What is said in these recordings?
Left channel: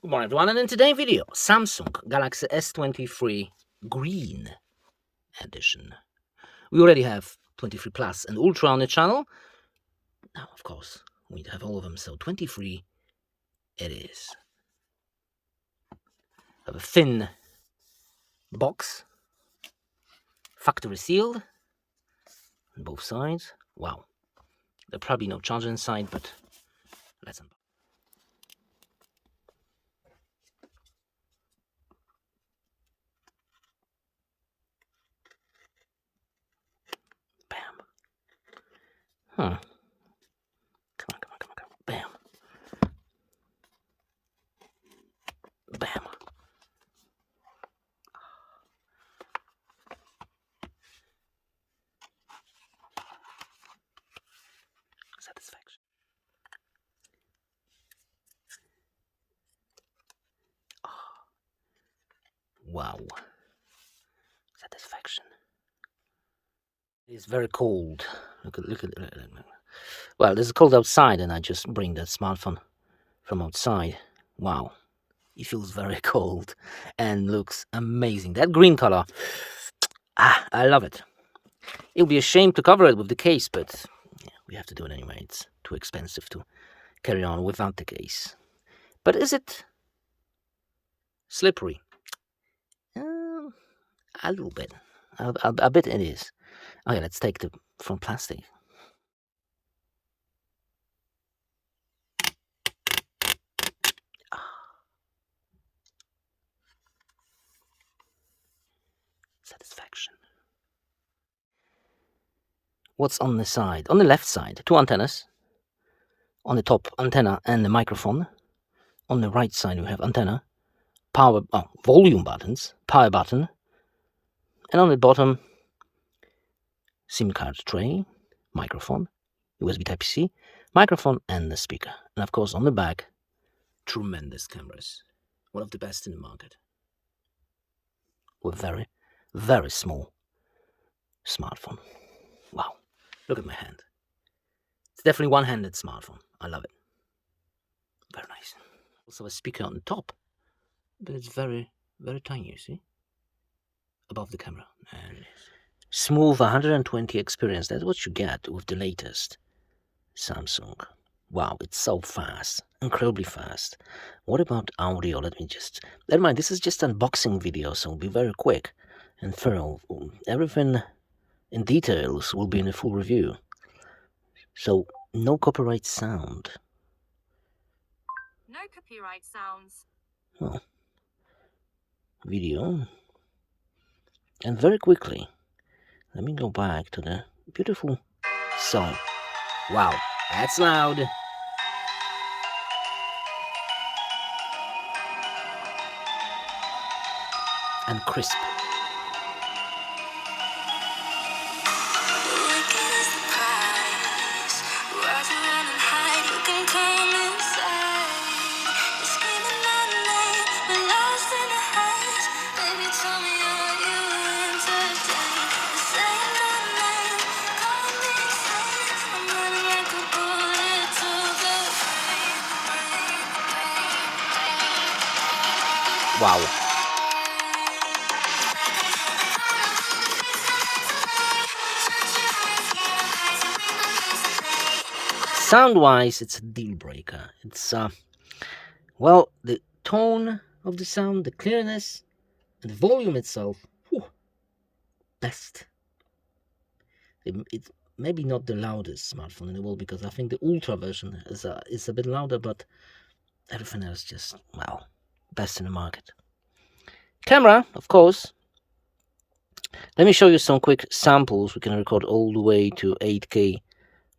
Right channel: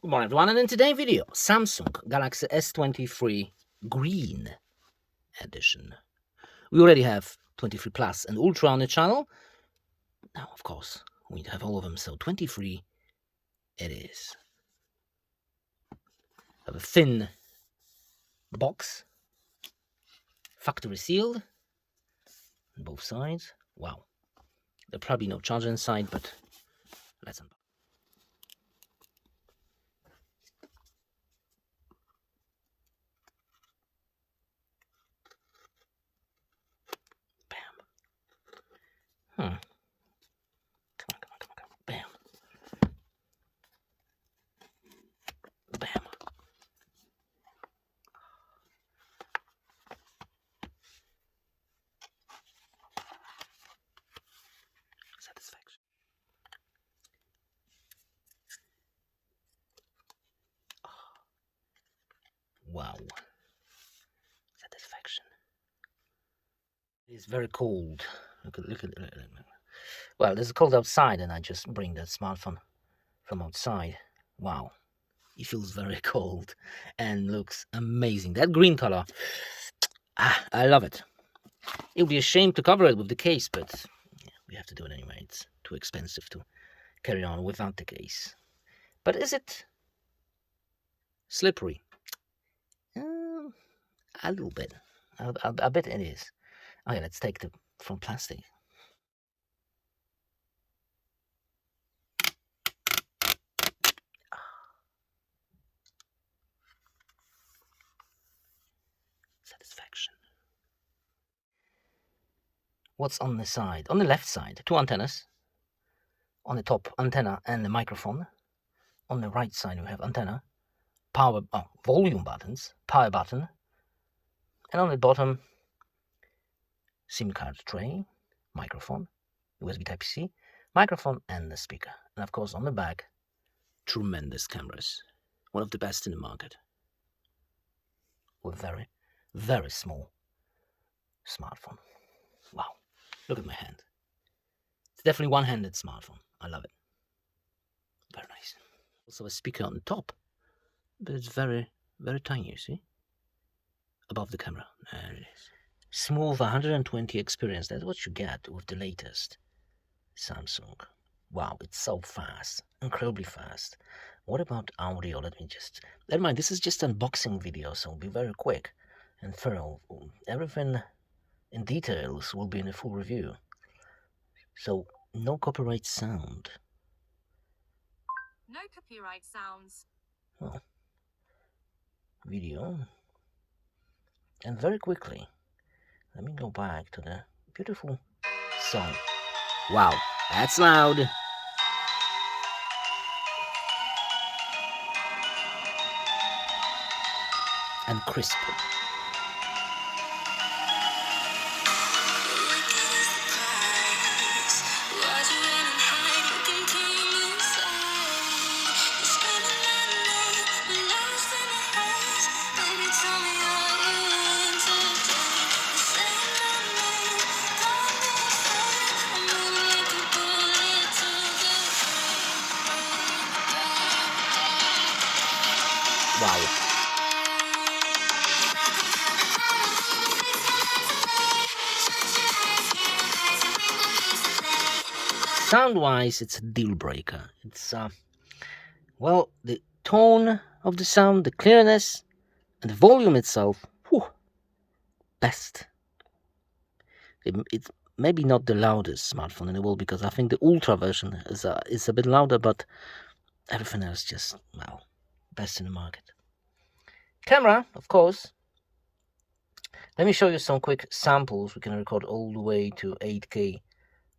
Good morning everyone, and in today's video, Samsung Galaxy S23 Green Edition. We already have 23 Plus and Ultra on the channel. Now, of course, we have all of them, so 23 it is. Have a thin box, factory sealed on both sides. Wow, there's probably no charger inside, but let's unbox. Bam. Come on. Bam. Bam. Satisfaction. Wow. Satisfaction. It's very cold. Look at. Well, it's cold outside, and I just bring the smartphone from outside. Wow, it feels very cold and looks amazing. That green color, I love it. It would be a shame to cover it with the case, but yeah, we have to do it anyway. It's too expensive to carry on without the case. But is it slippery? A little bit. A bit it is. Okay, let's take the from plastic. Satisfaction. What's on the side? On the left side, two antennas. On the top, antenna and the microphone. On the right side, we have antenna, volume buttons, power button, and on the bottom, SIM card tray, microphone, USB Type-C, microphone, and the speaker. And of course, on the back, tremendous cameras. One of the best in the market. With very, very small smartphone. Wow. Look at my hand. It's definitely one-handed smartphone. I love it. Very nice. Also a speaker on the top, but it's very, very tiny, you see? Above the camera. There it is. Smooth 120 experience. That's what you get with the latest Samsung. Wow, it's so fast, incredibly fast. What about audio? Let me just, never mind, this is just an unboxing video, so it'll be very quick and thorough. Everything in details will be in a full review. So, no copyright sound. No copyright sounds. Oh. Video. And very quickly, let me go back to the beautiful song. Wow, that's loud. And crisp. Wow. Sound-wise, it's a deal breaker. It's well, the tone of the sound, the clearness, and the volume itself, whew, best. It's maybe not the loudest smartphone in the world, because I think the Ultra version is a bit louder, but everything else just, well, best in the market. Camera, of course. Let me show you some quick samples. We can record all the way to 8K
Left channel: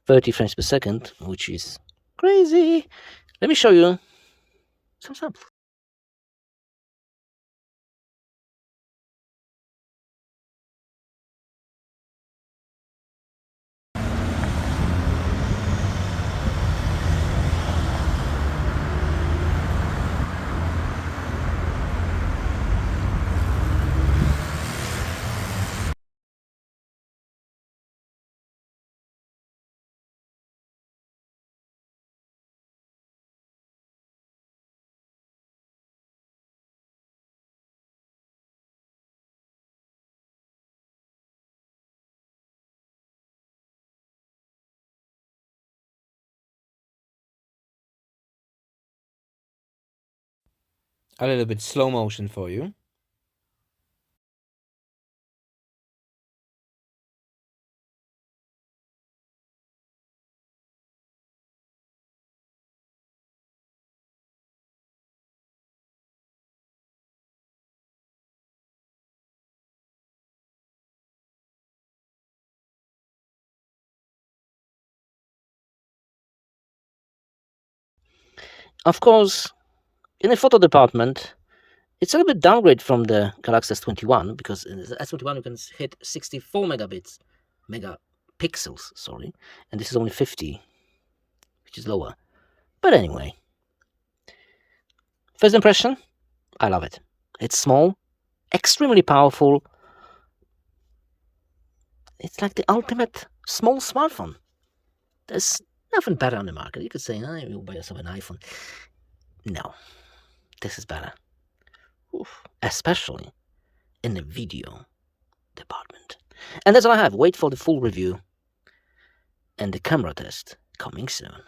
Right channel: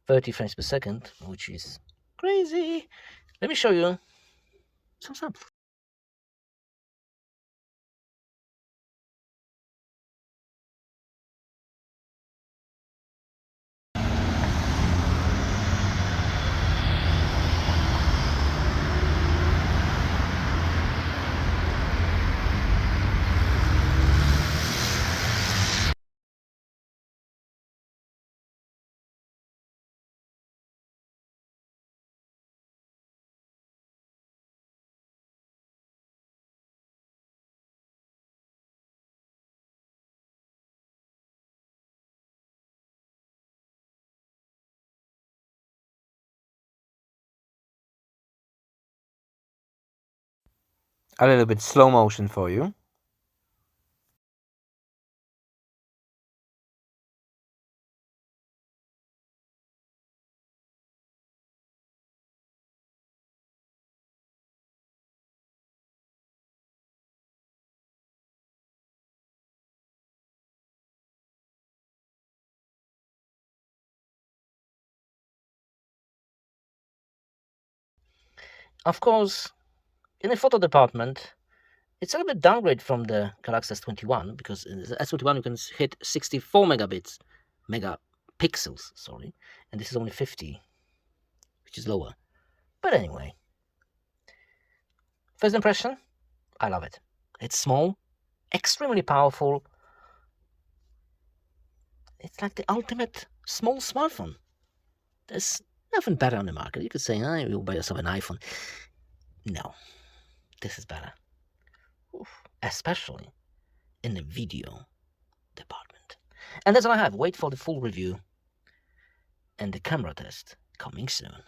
30 frames per second, which is crazy. Let me show you some samples. a little bit slow motion for you. Of course, in the photo department, it's a little bit downgrade from the Galaxy S21 because in the S21 you can hit 64 megapixels, sorry, and this is only 50, which is lower. But anyway, first impression, I love it. It's small, extremely powerful. It's like the ultimate small smartphone. There's nothing better on the market. You could say, oh, you'll buy yourself an iPhone. No, this is better. Oof. Especially in the video department. And that's all I have. Wait for the full review and the camera test coming soon.